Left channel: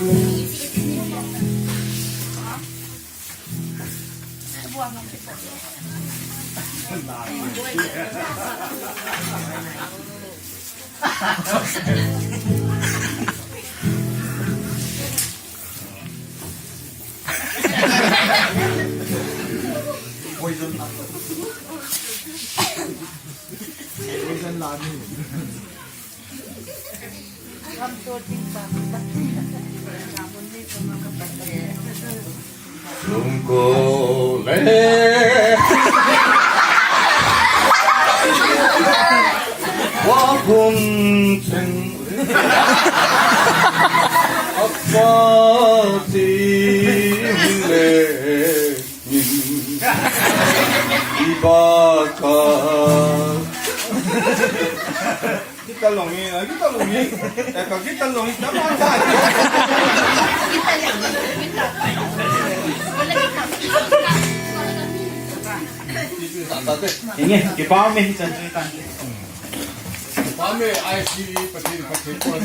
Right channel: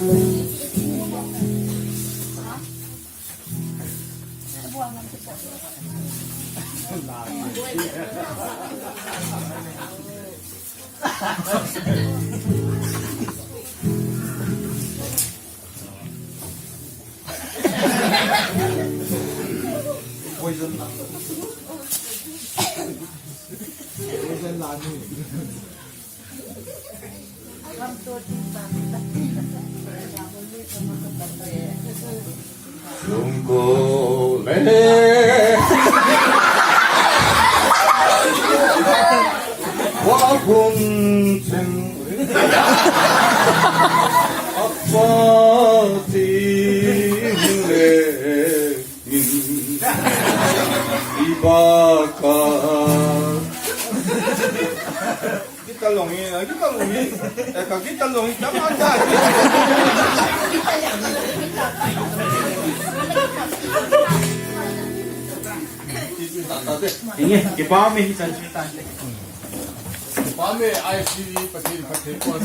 Poison lani. Tungkole 와봉생 아빠팀내민 이바카 Gitalongi, gitalongi. Eka gitalongi, tama ka. Sige, kipaming sa tante. Pame ICV patil patil ko.